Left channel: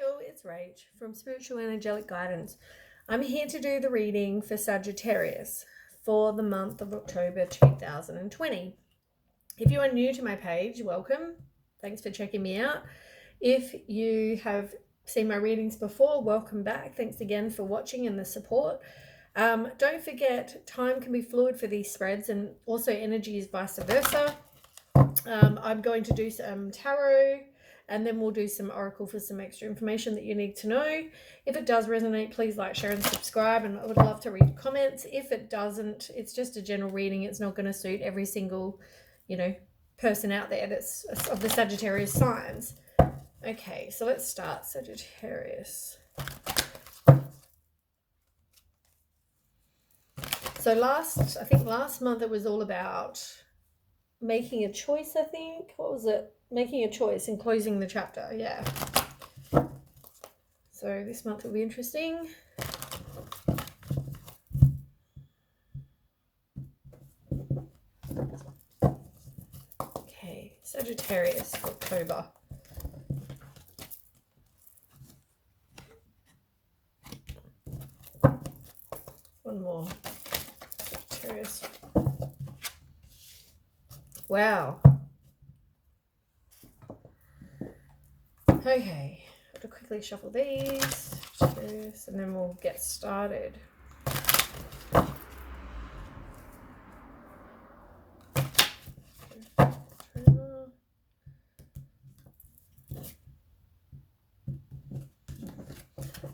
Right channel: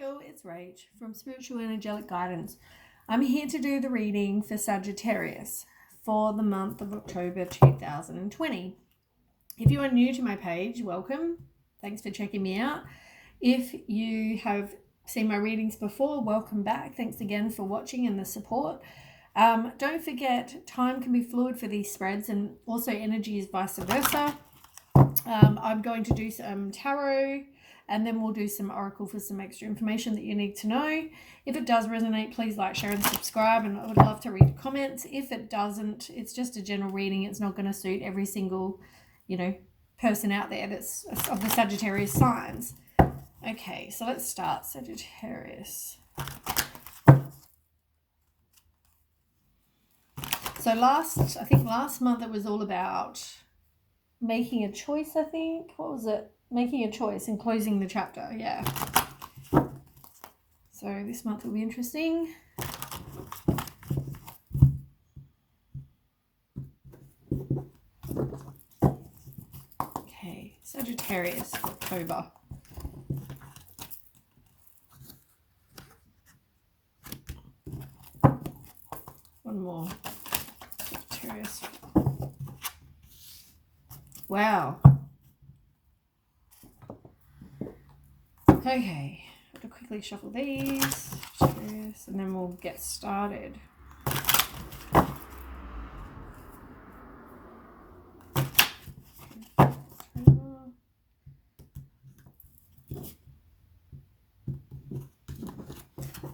Hi all, it's Rach from Spiritual and Angelic Guidance. I'm here to do the reading for Sagittarius for the month of October 2020. If you are new to my page, welcome. Thanks for checking me out. If you have seen my readings before, welcome back. Thanks again for watching and the support. Don't forget, time can be fluid for these spreads, and also energy is vice versa. I'm going to do some tarot, and then we'll do some oracle for some extra information that you need to know. If it does resonate, please like, share, and subscribe, and I would love to read comments. If it doesn't, it's just a general reading. It's not going to suit every single, person out there that's of the Sagittarius signs. Okay, so let's start. Sagittarius. So last month it was all about making a choice, I think. What was it? Making a choice and closing the chapter, yeah. So this month will be interesting. Okay, Sagittarius, October. One more. Sagittarius. Wow. Okay, I have to quickly shuffle these, and then we'll get started.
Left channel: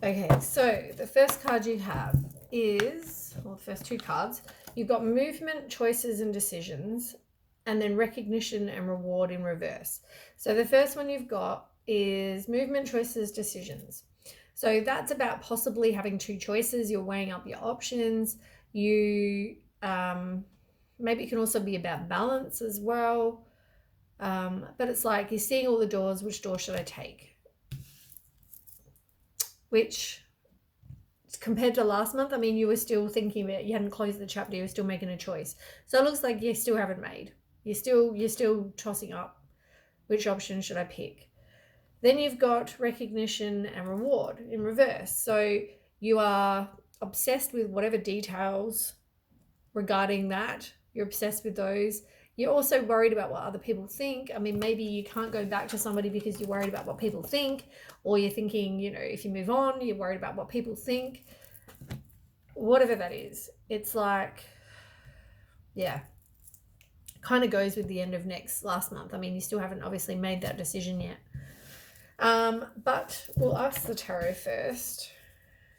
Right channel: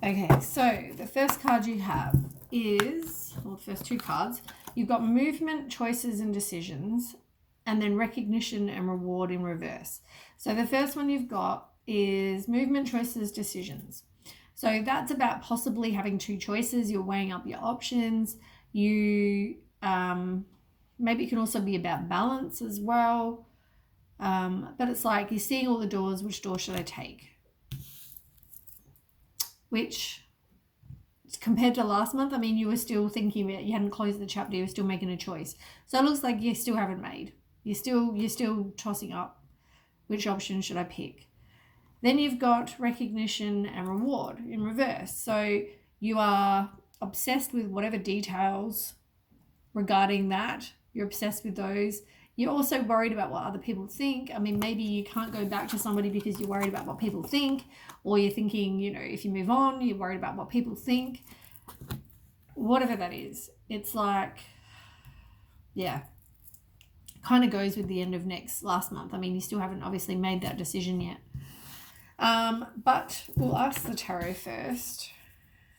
Okay, so the first card you have is, well, the first two cards, you've got movement, choices, and decisions, and then recognition and reward in reverse. So the first one you've got is movement, choices, decisions. So that's about possibly having two choices. You're weighing up your options. You maybe it can also be about balance as well. But it's like you're seeing all the doors. Which door should I take? Which, compared to last month, I mean, you were still thinking about, you hadn't closed the chapter, you were still making a choice. So it looks like you still haven't made. You're still tossing up which option should I pick. Then you've got recognition and reward in reverse. So you are obsessed with whatever details regarding that. You're obsessed with those. You're also worried about what other people think. I mean, maybe you can't go back to somebody because you're worried about what people think, or you're thinking, if you move on, you're worried about what people think. Whatever that is, it's like, yeah, kind of goes with the end of last month. I mean, you still haven't obviously made that decision yet. But we'll ask the tarot first.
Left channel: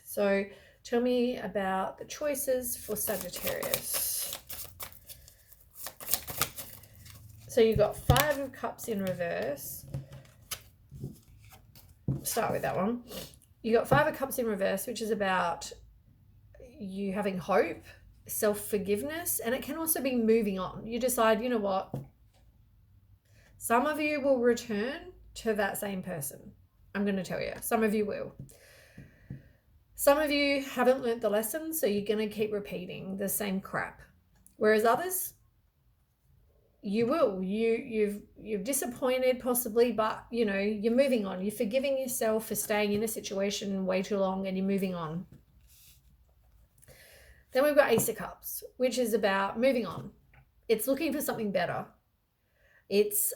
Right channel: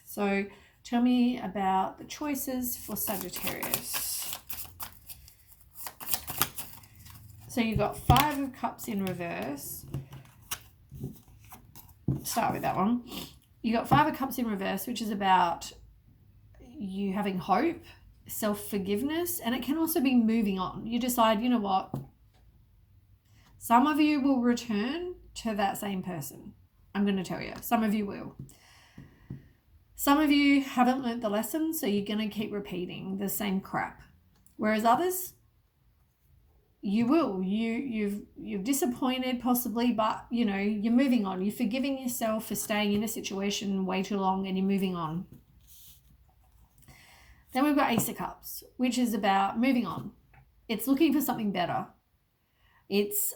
So tell me about the choices for Sagittarius. So you've got 5 of Cups in reverse. Start with that one. You got 5 of Cups in reverse, which is about you having hope, self-forgiveness, and it can also be moving on. You decide, you know what? Some of you will return to that same person. I'm going to tell you. Some of you will. Some of you haven't learnt the lesson, so you're going to keep repeating the same crap. Whereas others, you will. You've disappointed possibly, but you're moving on. You're forgiving yourself for staying in a situation way too long, and you're moving on. Then we've got Ace of Cups, which is about moving on. It's looking for something better. It's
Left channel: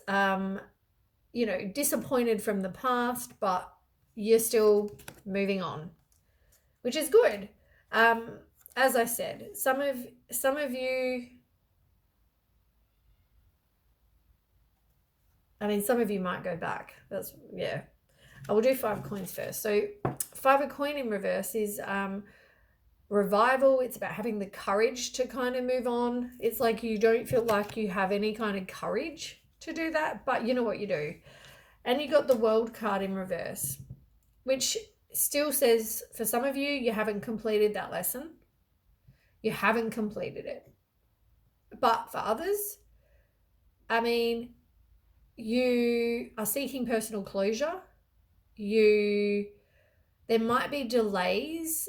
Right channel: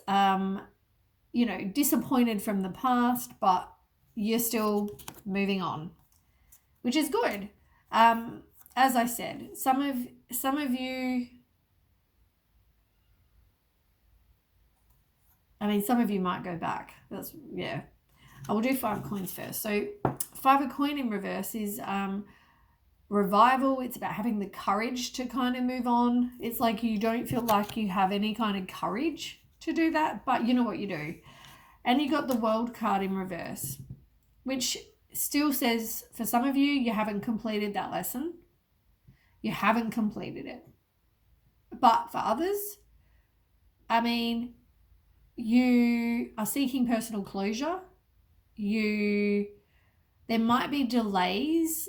disappointed from the past, but you're still moving on, which is good. As I said, some of you, some of you might go back. I will do 5 of coins first. So 5 of coin in reverse is revival. It's about having the courage to kind of move on. It's like you don't feel like you have any kind of courage to do that, but you know what you do. And you got the World card in reverse, which still says for some of you, you haven't completed that lesson. You haven't completed it. But for others, you are seeking personal closure. There might be delays.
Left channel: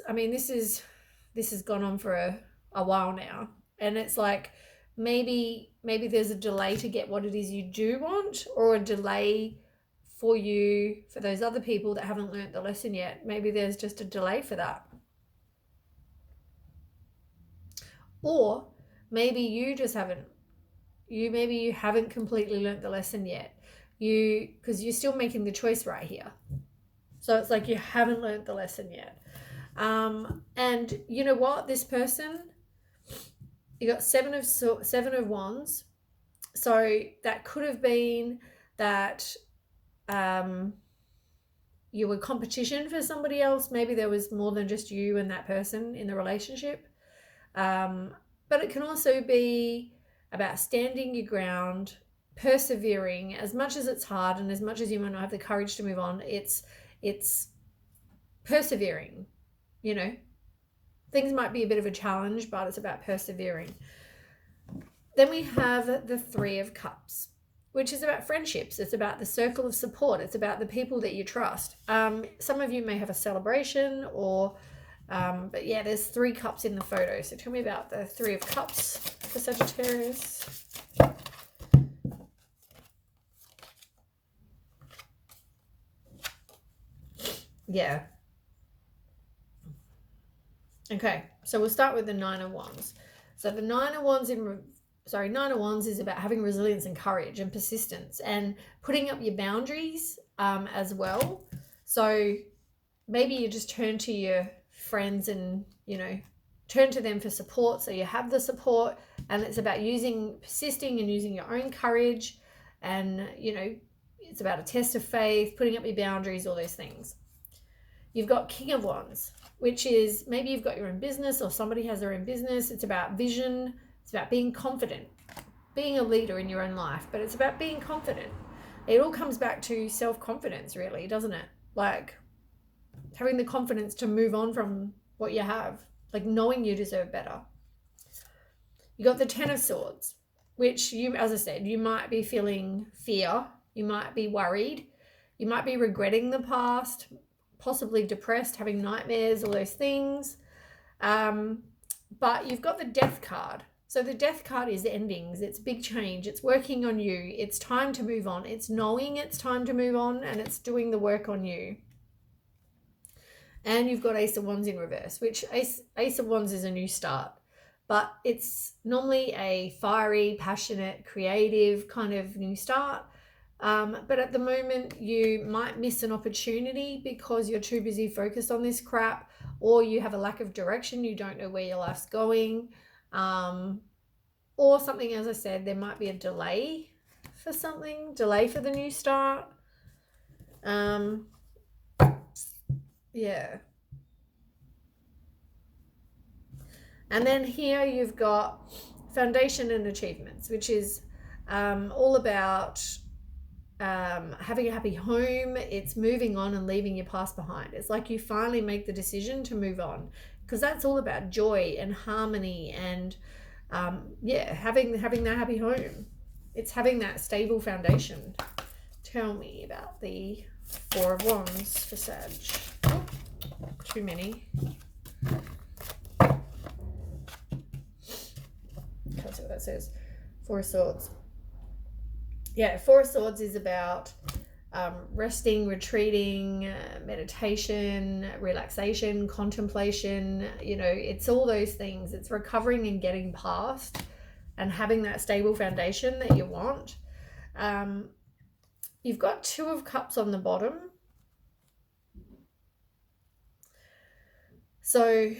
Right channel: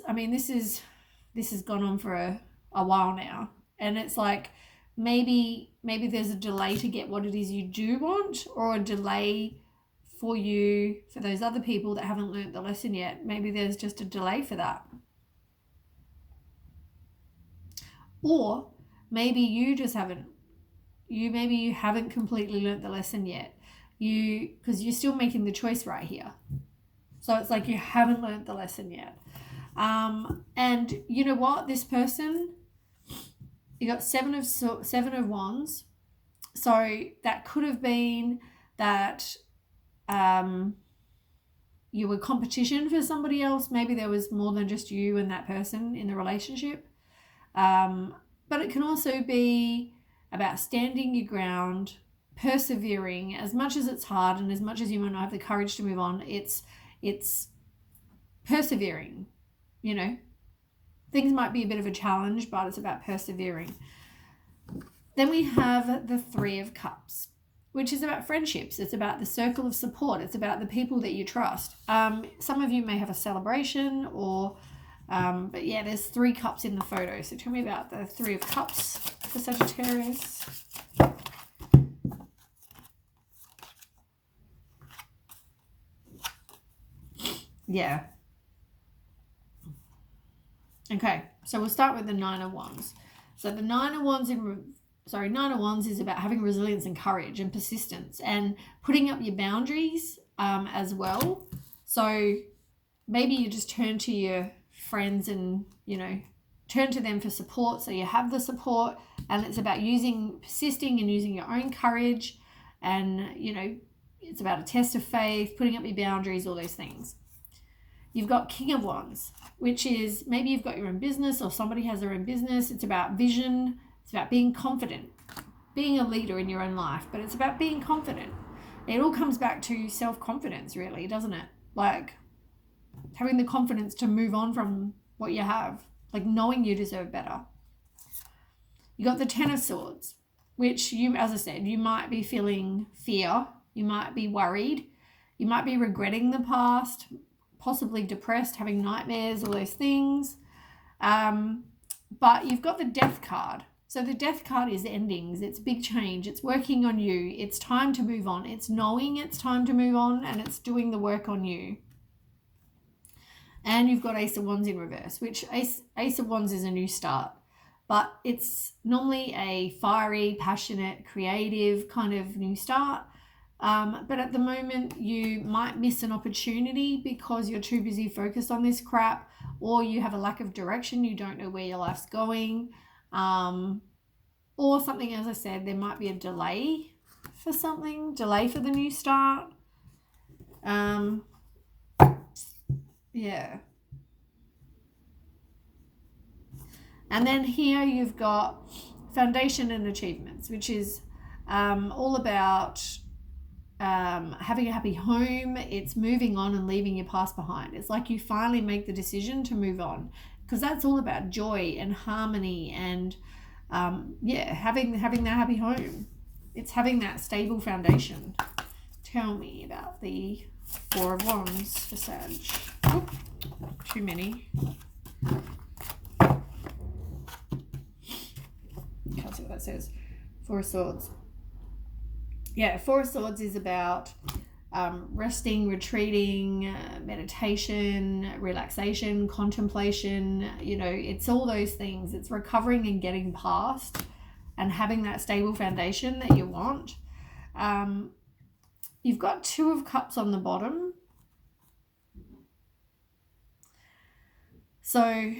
This has gone on for a while now, and it's like maybe there's a delay to get what it is you do want, or a delay for you, for those other people that haven't learnt the lesson yet, maybe there's just a delay for that. Or maybe you just haven't. Maybe you haven't completely learnt the lesson yet. Because you're still making the choice right here. So it's like you haven't learnt the lesson yet. And you know what? This person, you got seven of wands. So that could have been that you were competition for somebody else. Maybe there was more than just you and that person in the relationship. But it can also be about standing your ground, persevering. As much as it's hard and as much as you might not have the courage to move on, it's persevering. You know, things might be a bit of a challenge, but it's about persevering. Then we have the Three of Cups, which is about friendships. It's about the circle of support. It's about the people that you trust. Some of you may have a celebration or, but yeah, there's 3 cups in the photo. So tell me about the Three of Cups for Sagittarius. Yeah. Okay, so we'll start with the Nine of Wands. So the Nine of Wands is about having resilience and courage and persistence and putting up your boundaries as well. So maybe you just turn to your friends and, you know, turn to them for support. So you have the support, and it's about persisting and using your own courage. And, you know, it's about a test of faith, putting up your boundaries, all those things. You've got King of Wands, which is maybe you've got your own business or somebody has their own business. It's about vision. It's about being confident, being a leader in your own life, but it's about being confident. It all comes back to self-confidence, really, doesn't it? Like having the confidence to move on from what you have, like knowing you deserve better. You got the Ten of Swords, which as I said, you might be feeling fear. You might be worried. You might be regretting the past, possibly depressed, having nightmares, all those things. But you've got the Death card. So the Death card is endings. It's big change. It's working on you. It's time to move on. It's knowing it's time to move on, and it's doing the work on you. And you've got Ace of Wands in reverse, which Ace of Wands is a new start. But it's normally a fiery, passionate, creative kind of new start. But at the moment, you might miss an opportunity because you're too busy focused on this crap, or you have a lack of direction. You don't know where your life's going. Or something, as I said, there might be a delay for the new start. Yeah. And then here you've got Foundation and Achievements, which is all about having a happy home. It's moving on and leaving your past behind. It's like you finally make the decision to move on, because that's all about joy and harmony and having that happy home. It's having that stable foundation. Tell me about the Four of Wands for Sag. Oh, too many. Can't see what that says. Four of Swords. Yeah, Four of Swords is about resting, retreating, meditation, relaxation, contemplation. You know, it's all those things. It's recovering and getting past and having that stable foundation that you want. You've got Two of Cups on the bottom. So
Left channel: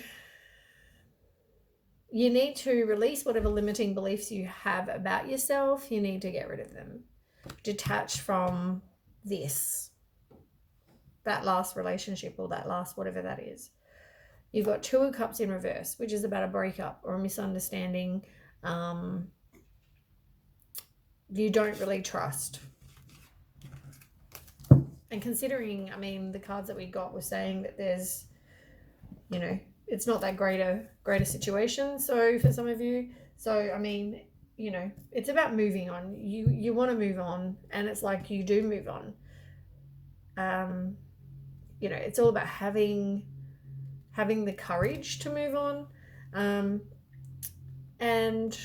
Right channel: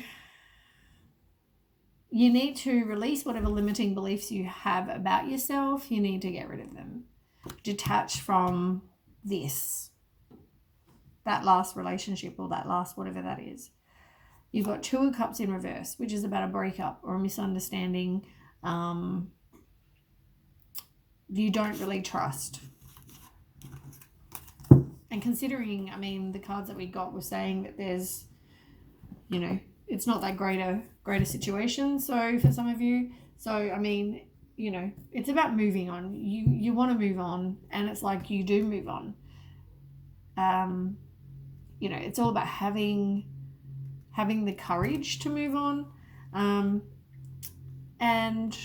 you need to release whatever limiting beliefs you have about yourself. You need to get rid of them. Detach from that last relationship or that last whatever that is. You've got Two of Cups in reverse, which is about a breakup or a misunderstanding. You don't really trust. And considering, I mean, the cards that we got were saying that there's, you know, it's not that greater situation. So for some of you, so I mean, you know, it's about moving on. You want to move on, and it's like you do move on. You know, it's all about having the courage to move on, and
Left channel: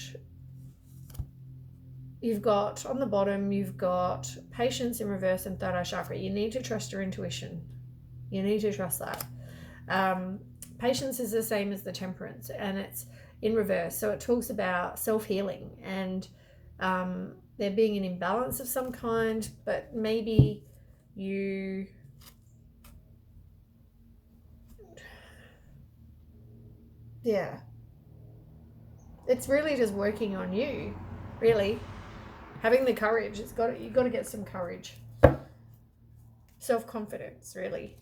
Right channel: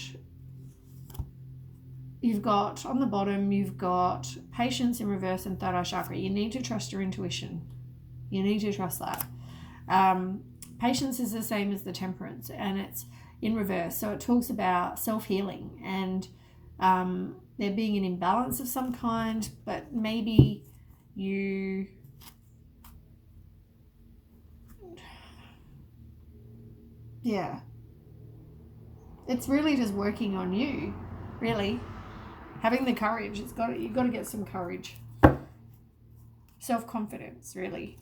you've got, on the bottom, you've got patience in reverse and third eye chakra. You need to trust your intuition. You need to trust that. Patience is the same as the temperance, and it's in reverse. So it talks about self-healing and there being an imbalance of some kind, but maybe you... Yeah. It's really just working on you, really. Having the courage. You've got to get some courage. Self-confidence, really.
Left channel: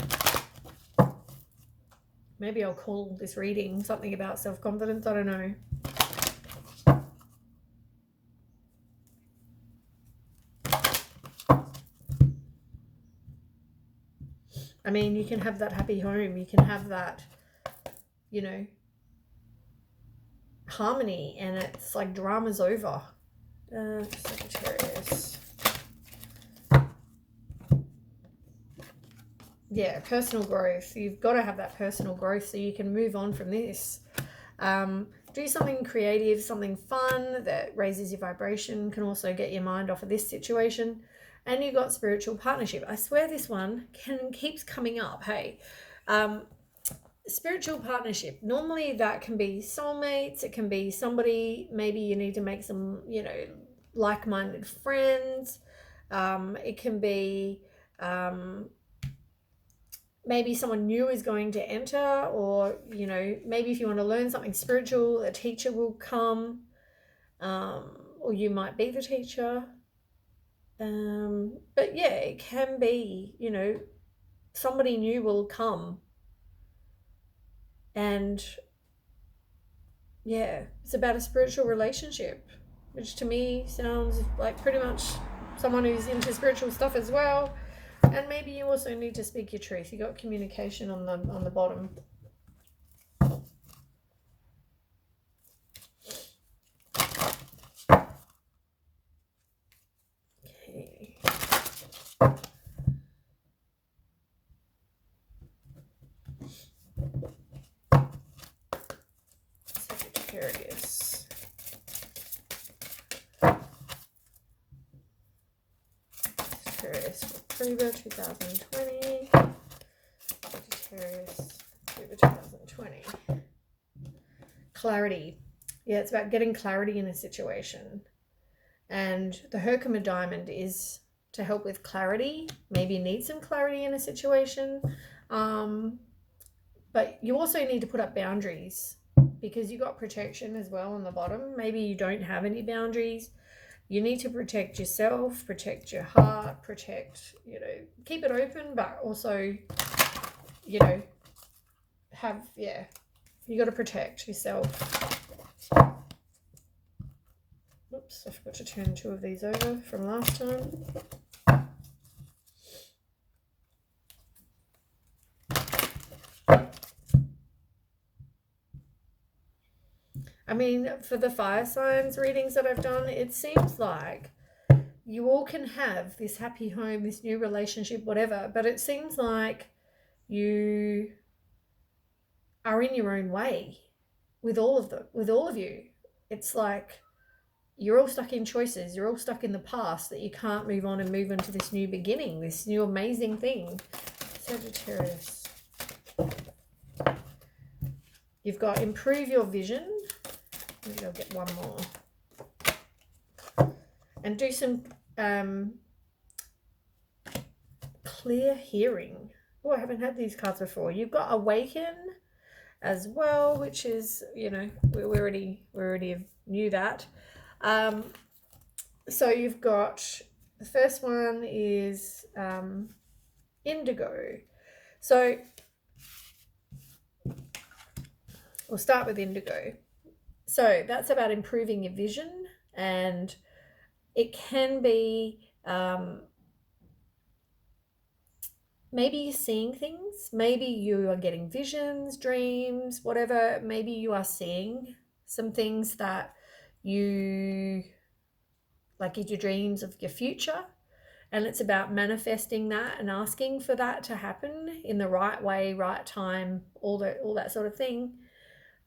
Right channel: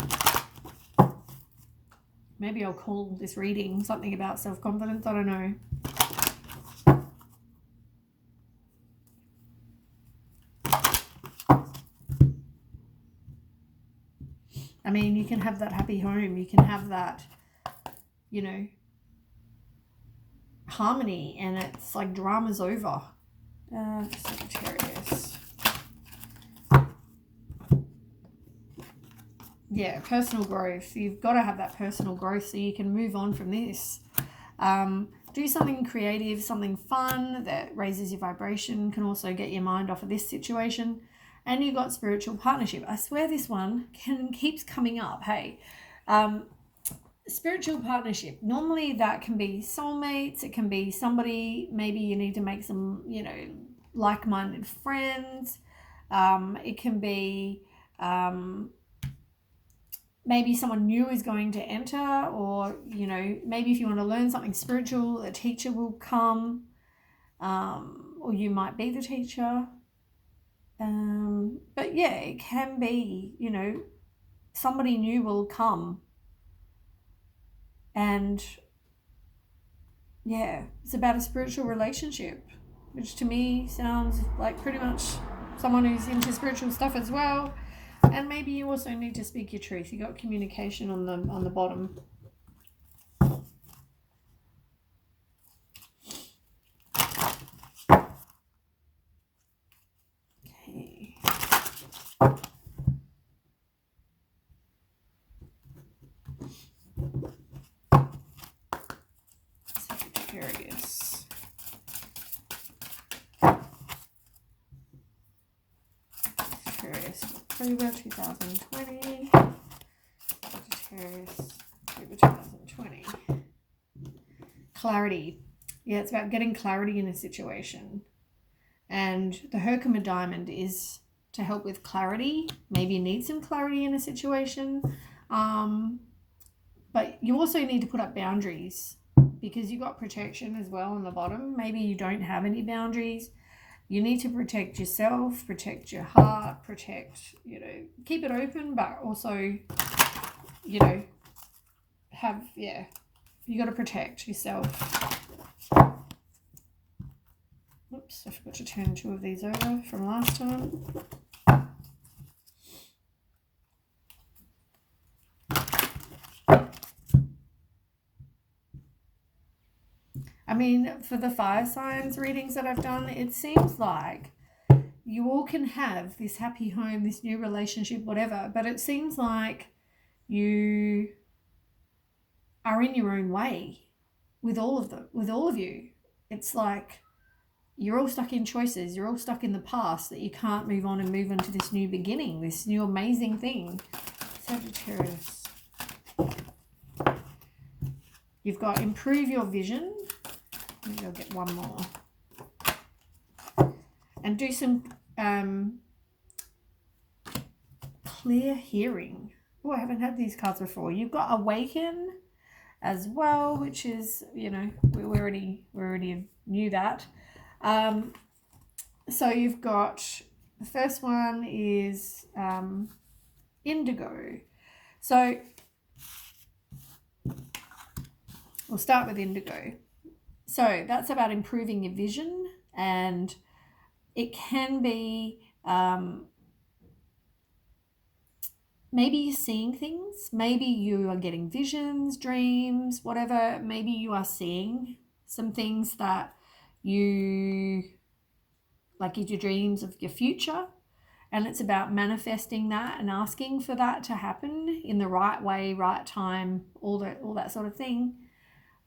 Maybe I'll call this reading something about self-confidence. I don't know. I mean, you can have that happy home. You can have that, you know, harmony, and it's like drama's over. Sagittarius. Yeah, personal growth. You've got to have that personal growth so you can move on from this. Do something creative, something fun that raises your vibration, can also get your mind off of this situation. And you've got spiritual partnership. I swear this one keeps coming up. Hey, spiritual partnership. Normally that can be soulmates. It can be somebody, maybe you need to make some, you know, like-minded friends. It can be maybe someone new is going to enter, or, you know, maybe if you want to learn something spiritual, a teacher will come, or you might be the teacher. But yeah, it can be, you know, somebody new will come, and yeah, it's about a spiritual relationship, which to me sounds like pretty much someone who's into spiritual stuff as well. And maybe you also need to speak your truth. You got communication on the bottom. Okay. Sagittarius. Sagittarius, October 2020. Sagittarius, October 2020. Clarity. Yeah, it's about getting clarity in a situation. And the Herkimer diamond is to help with clarity. Maybe you need some clarity in a situation. But you also need to put up boundaries, because you got protection as well on the bottom. Maybe you don't have any boundaries. You need to protect yourself, protect your heart, protect, you know, keep it open, but also, you know, you got to protect yourself. Whoops, I forgot to turn 2 of these over from last time. I mean, for the fire signs readings that I've done, it seems like you all can have this happy home, this new relationship, whatever, but it seems like you are in your own way with all of you. It's like you're all stuck in choices. You're all stuck in the past, that you can't move on and move into this new beginning, this new amazing thing. Sagittarius. You've got improve your vision. Maybe I'll get one more. And do some clear hearing. Oh, I haven't had these cards before. You've got awaken as well, which is, you know, we already knew that. So you've got, the first one is indigo. So we'll start with indigo. So that's about improving your vision, and it can be maybe you're seeing things, maybe you are getting visions, dreams, whatever. Maybe you are seeing some things that you, like in your dreams of your future, and it's about manifesting that and asking for that to happen in the right way, right time, all that sort of thing.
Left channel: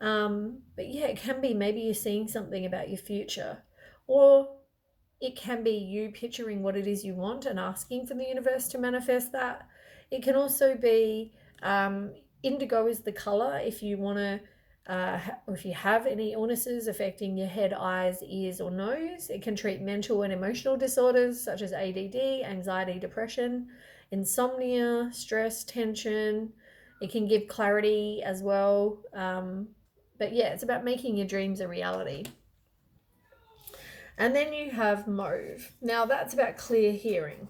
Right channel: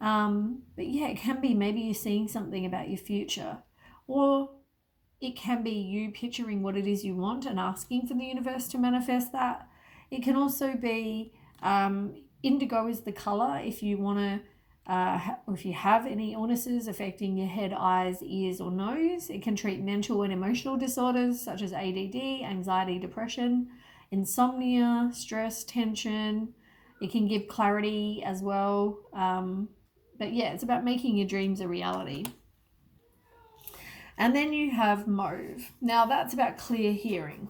But yeah, it can be maybe you're seeing something about your future, or it can be you picturing what it is you want and asking for the universe to manifest that. It can also be indigo is the color if you want to, or if you have any illnesses affecting your head, eyes, ears, or nose. It can treat mental and emotional disorders such as ADD, anxiety, depression, insomnia, stress, tension. It can give clarity as well. But yeah, it's about making your dreams a reality. And then you have mauve. Now that's about clear hearing.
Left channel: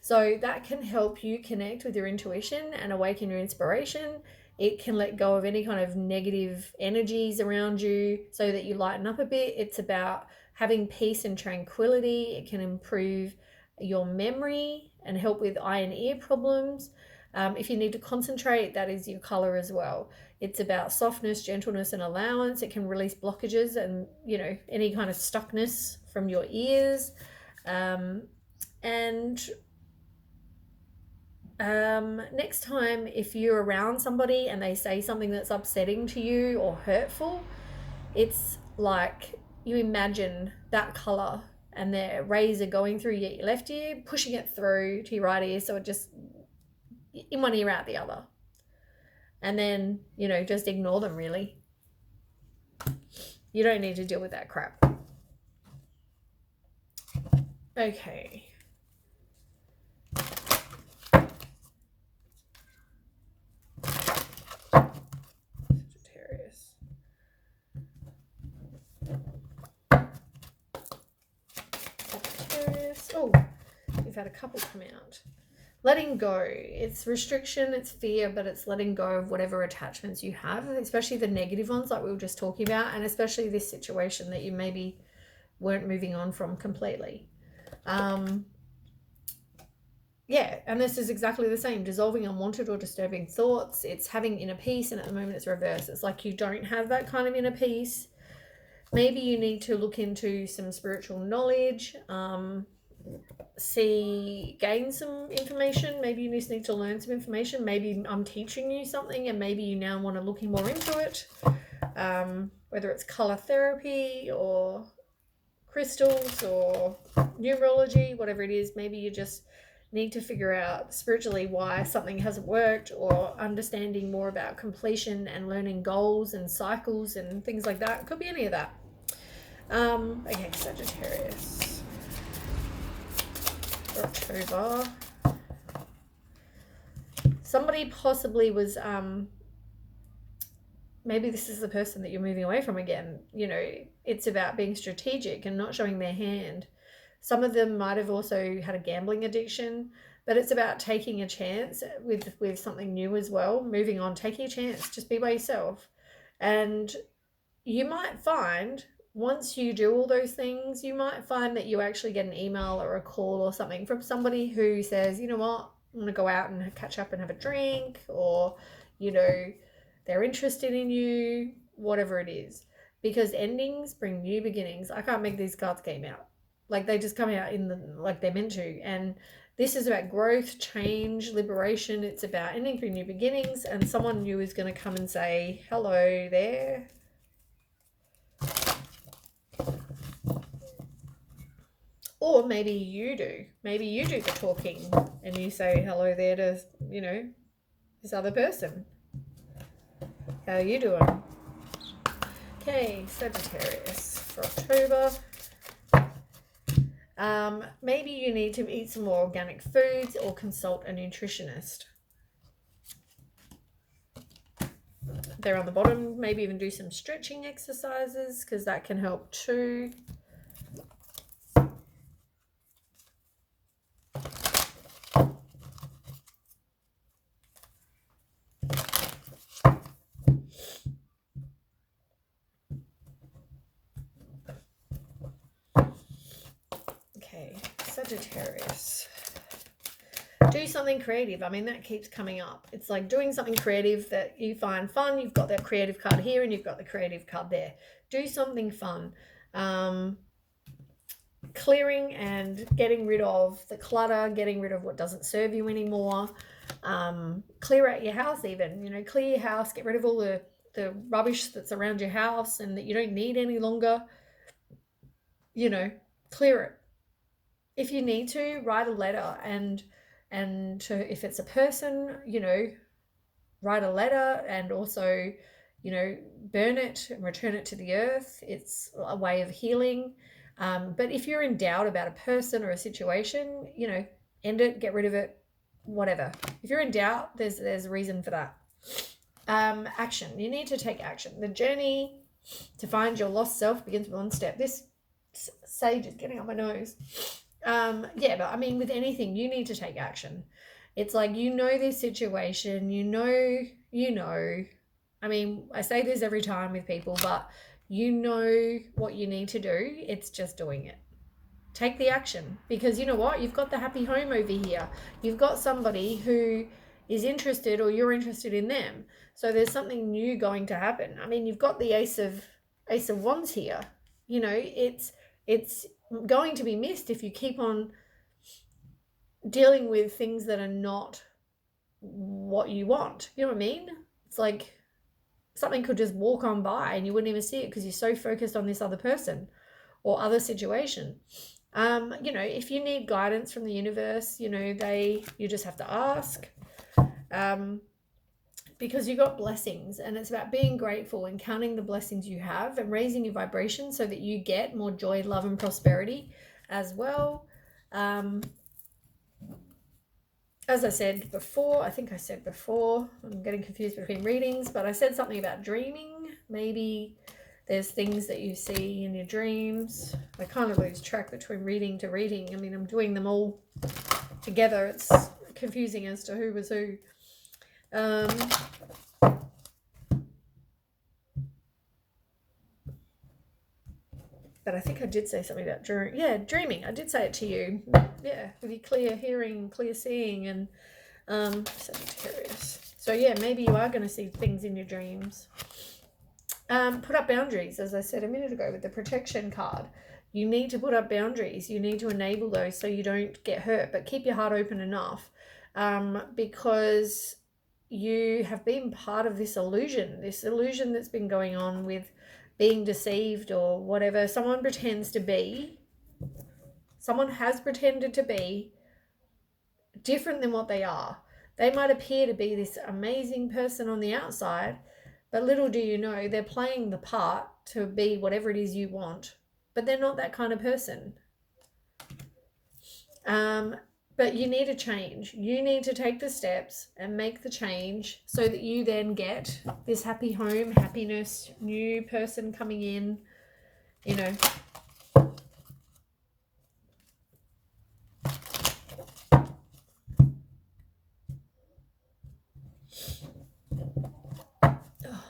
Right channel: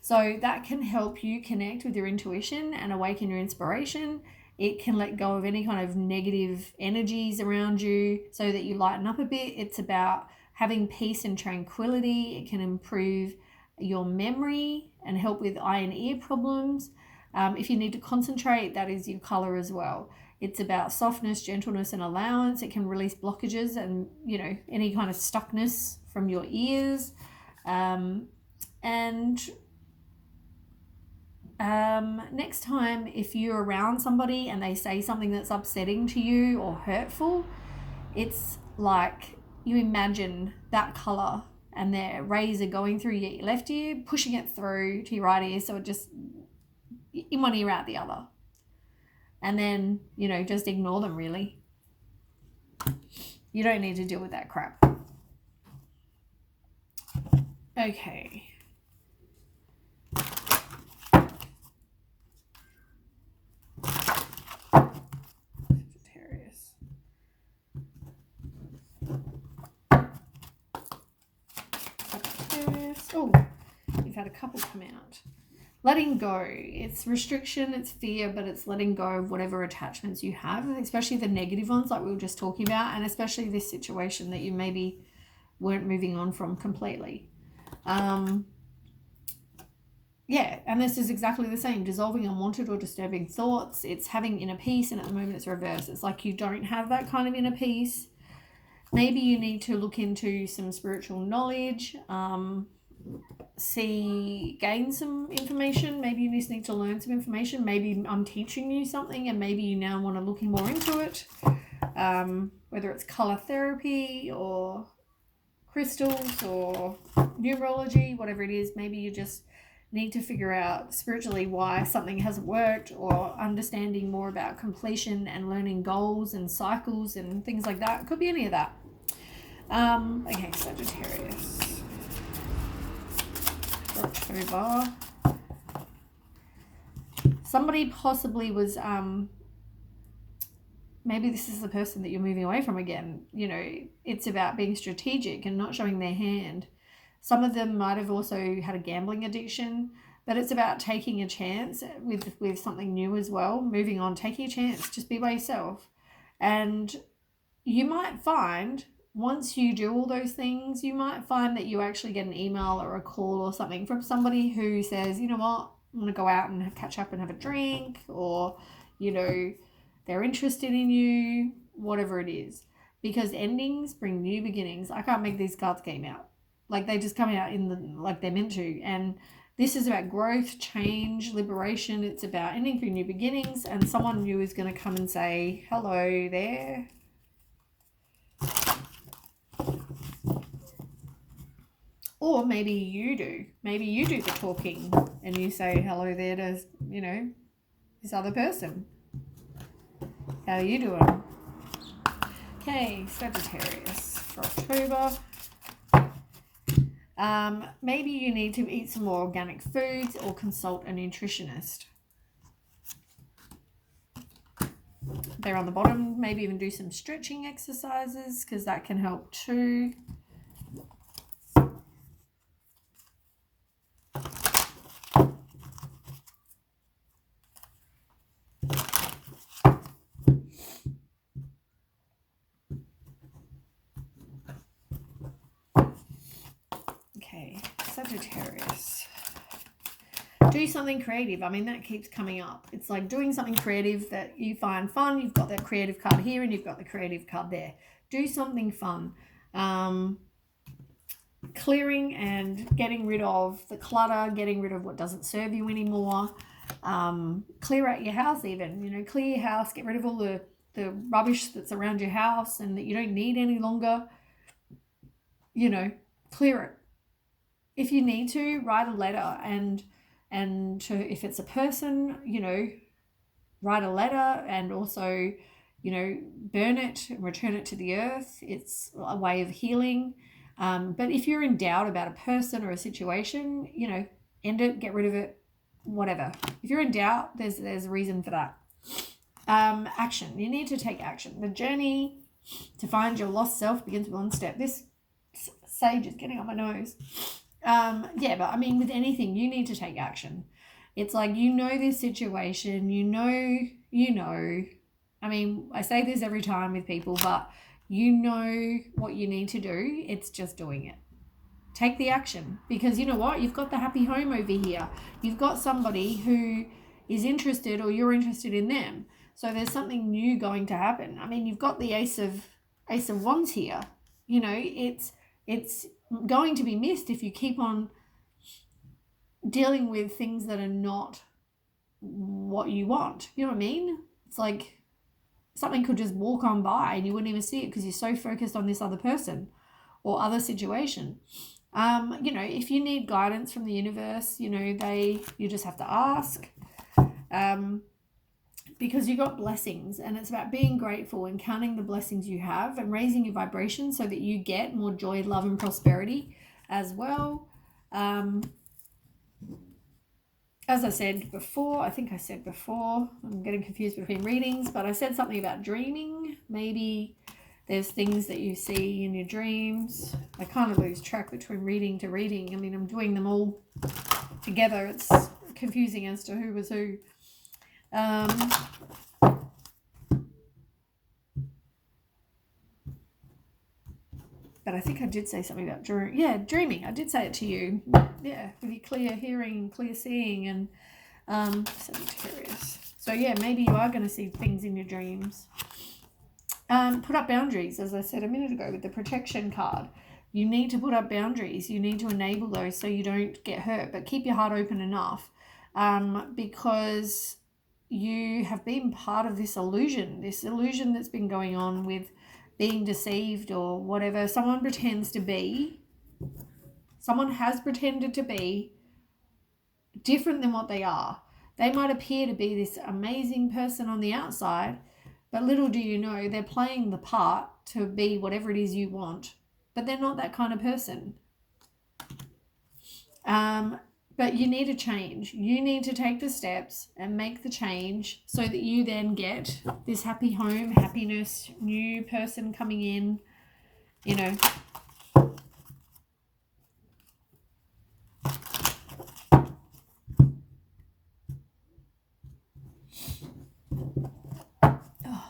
So that can help you connect with your intuition and awaken your inspiration. It can let go of any kind of negative energies around you so that you lighten up a bit. It's about having peace and tranquility. It can improve your memory and help with eye and ear problems. If you need to concentrate, that is your color as well. It's about softness, gentleness, and allowance. It can release blockages and, any kind of stuckness from your ears. Next time, if you're around somebody and they say something that's upsetting to you or hurtful, it's like you imagine that color and their rays are going through your left ear, pushing it through to your right ear, so it just in one ear out the other. And then, just ignore them, really. You don't need to deal with that crap. Okay. Sagittarius. Oh, you've had a couple come out. Letting go. It's restriction, it's fear, but it's letting go of whatever attachments you have, especially the negative ones like we were just talking about, and especially this situation that you maybe weren't moving on from completely. Yeah, and this is exactly the same. Dissolving unwanted or disturbing thoughts. It's having inner peace, and at the moment it's reversed. It's like you don't have that kind of inner peace. Maybe you need to look into some spiritual knowledge, gain some information. Maybe you just need to learn some information. Maybe I'm teaching you something and maybe you now want to look more into it. Whether it's color therapy or crystals or numerology, whatever it is, maybe you just need to figure out spiritually why something hasn't worked, or understanding more about completion and learning goals and cycles and things like that. It could be any of that. Okay, Sagittarius. October. Somebody possibly was, maybe this is the person that you're moving away from again. It's about being strategic and not showing their hand. Some of them might have also had a gambling addiction, but it's about taking a chance with something new as well. Moving on, taking a chance, just be by yourself. And you might find, once you do all those things, you might find that you actually get an email or a call or something from somebody who says, you know what, I'm going to go out and catch up and have a drink, or, they're interested in you, whatever it is. Because endings bring new beginnings. I can't make these cards game out. Like, they just come out like they're meant to. And this is about growth, change, liberation. It's about ending through new beginnings, and someone new is going to come and say, hello there. Or maybe you do. Maybe you do the talking and you say hello there to, this other person. How are you doing? Okay, Sagittarius for October. Maybe you need to eat some more organic foods or consult a nutritionist. They're on the bottom. Maybe even do some stretching exercises, because that can help too. Okay, Sagittarius. Do something creative. I mean, that keeps coming up. It's like doing something creative that you find fun. You've got that creative card here and you've got the creative card there. Do something fun. Clearing and getting rid of the clutter, getting rid of what doesn't serve you anymore. Clear out your house even. Clear your house, get rid of all the rubbish that's around your house and that you don't need any longer. Clear it. if you need to, write a letter, and to, if it's a person, write a letter, and also, burn it and return it to the earth. It's a way of healing. But if you're in doubt about a person or a situation, end it, get rid of it, whatever. If you're in doubt, there's a reason for that. Action. You need to take action. The journey to find your lost self begins with one step. This sage is getting on my nose. But I mean, with anything, you need to take action. It's like, this situation, I mean, I say this every time with people, but what you need to do. It's just doing it. Take the action, because you know what? You've got the happy home over here. You've got somebody who is interested, or you're interested in them. So there's something new going to happen. I mean, you've got the Ace of Wands here. It's going to be missed if you keep on dealing with things that are not what you want. You know what I mean? It's like something could just walk on by and you wouldn't even see it because you're so focused on this other person or other situation. If you need guidance from the universe, you just have to ask. Because you got blessings, and it's about being grateful and counting the blessings you have and raising your vibration so that you get more joy, love, and prosperity as well. As I said before, I'm getting confused between readings, but I said something about dreaming. Maybe there's things that you see in your dreams. I kind of lose track between reading to reading. I mean, I'm doing them all together. It's confusing as to who was who. But I think I did say something about dreaming. I did say it to you. Yeah, with your clear hearing and clear seeing and Sagittarius. So yeah, maybe you are going to see things in your dreams. Put up boundaries, as I said a minute ago with the protection card. You need to put up boundaries. You need to enable those so you don't get hurt, but keep your heart open enough, because you have been part of this illusion that's been going on with being deceived or whatever. Someone has pretended to be different than what they are. They might appear to be this amazing person on the outside, but little do you know, they're playing the part to be whatever it is you want, but they're not that kind of person. But you need to change. You need to take the steps and make the change so that you then get this happy home, happiness, new person coming in, Oh,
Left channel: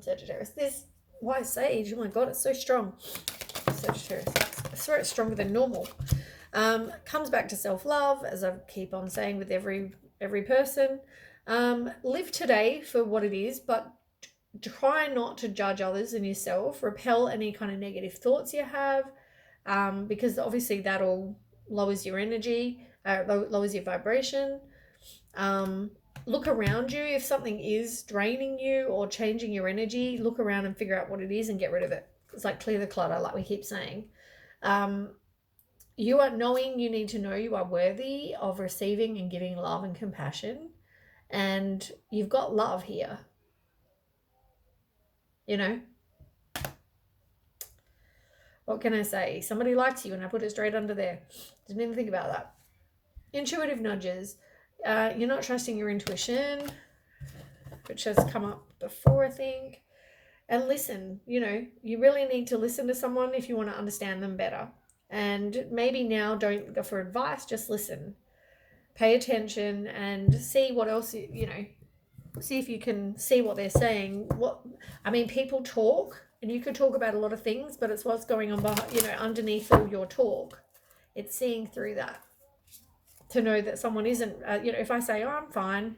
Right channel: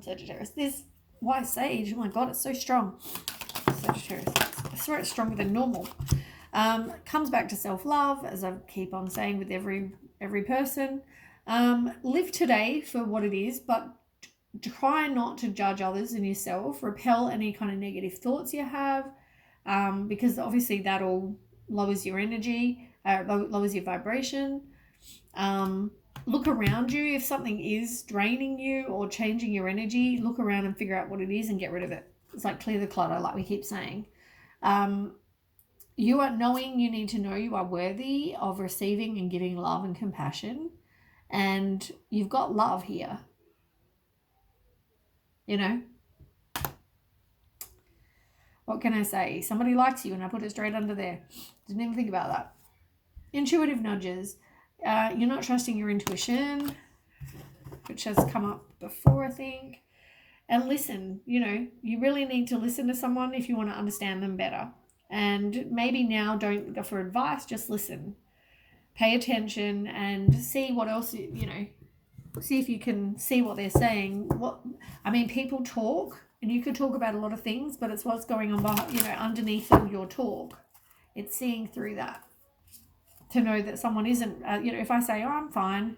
Sagittarius. This white sage, oh my God, it's so strong. Sagittarius. I swear it's stronger than normal. Comes back to self-love, as I keep on saying with every person. Live today for what it is, but try not to judge others and yourself. Repel any kind of negative thoughts you have, because obviously that all lowers your energy, lowers your vibration. Look around you. If something is draining you or changing your energy, look around and figure out what it is and get rid of it. It's like clear the clutter, like we keep saying. You are knowing, you need to know you are worthy of receiving and giving love and compassion. And you've got love here. What can I say? Somebody likes you, and I put it straight under there. Didn't even think about that. Intuitive nudges. You're not trusting your intuition, which has come up before, I think. And listen, you really need to listen to someone if you want to understand them better. And maybe now don't go for advice, just listen. Pay attention and see what else, see if you can see what they're saying. People talk, and you could talk about a lot of things, but it's what's going on behind, underneath all your talk. It's seeing through that to know that someone isn't, if I say, oh, I'm fine,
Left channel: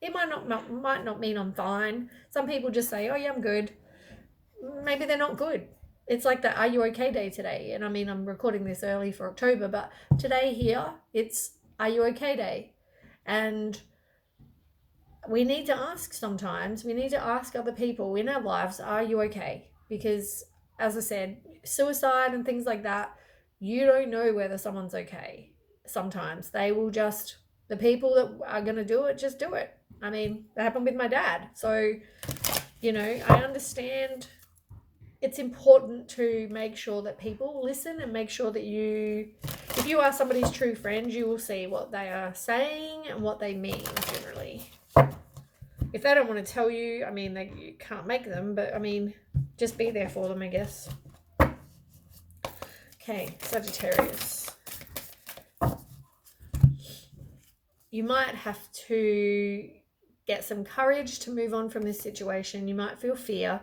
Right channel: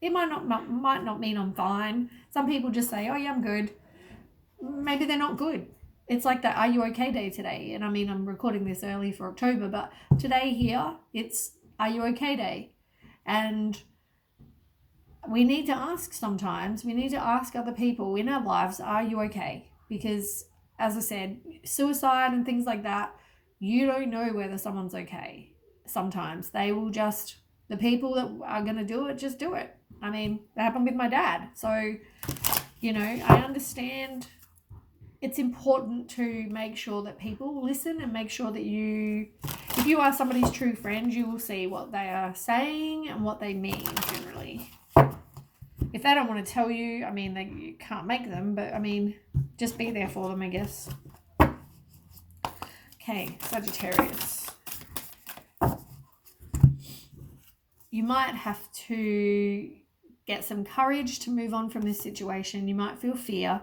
it might not mean I'm fine. Some people just say, oh yeah, I'm good. Maybe they're not good. It's like the Are You Okay Day today. And I'm recording this early for October, but today here, it's Are You Okay Day. And we need to ask sometimes. We need to ask other people in our lives, are you okay? Because, as I said, suicide and things like that, You don't know whether someone's okay. Sometimes they will just, the people that are going to do it, just do it. I mean, that happened with my dad. So, you know, I understand it's important to make sure that people listen and make sure that if you are somebody's true friend, you will see what they are saying and what they mean generally. If they don't want to tell you, I mean, you can't make them, but I mean, just be there for them, I guess. Okay, Sagittarius. You might have to get some courage to move on from this situation. You might feel fear,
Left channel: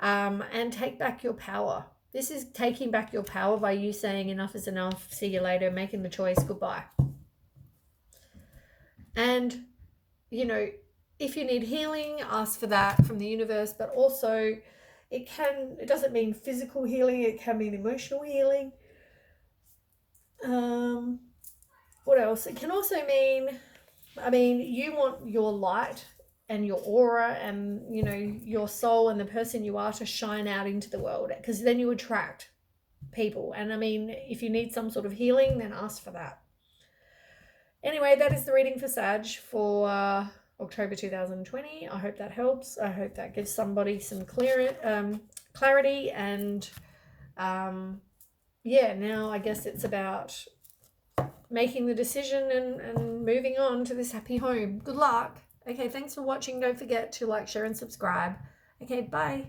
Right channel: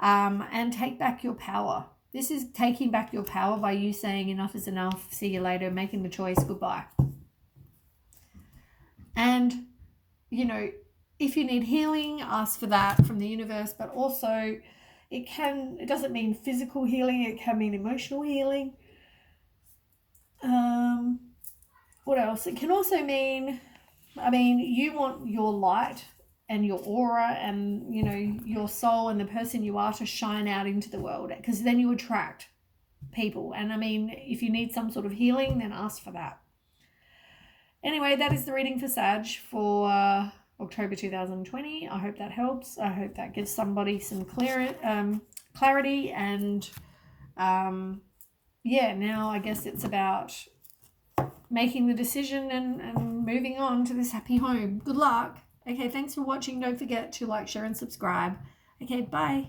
and take back your power. This is taking back your power by you saying enough is enough, see you later, making the choice, goodbye. And, you know, if you need healing, ask for that from the universe, but also it doesn't mean physical healing, it can mean emotional healing. What else? It can also mean, I mean, you want your light and your aura and, you know, your soul and the person you are to shine out into the world, because then you attract people. And I mean, if you need some sort of healing, then ask for that. Anyway, that is the reading for Sag for October 2020. I hope that helps. I hope that gives somebody some clarity. And yeah, now I guess it's about making the decision and moving on to this happy home. Good luck. Okay, thanks for watching. Don't forget to like, share, and subscribe. Okay, bye.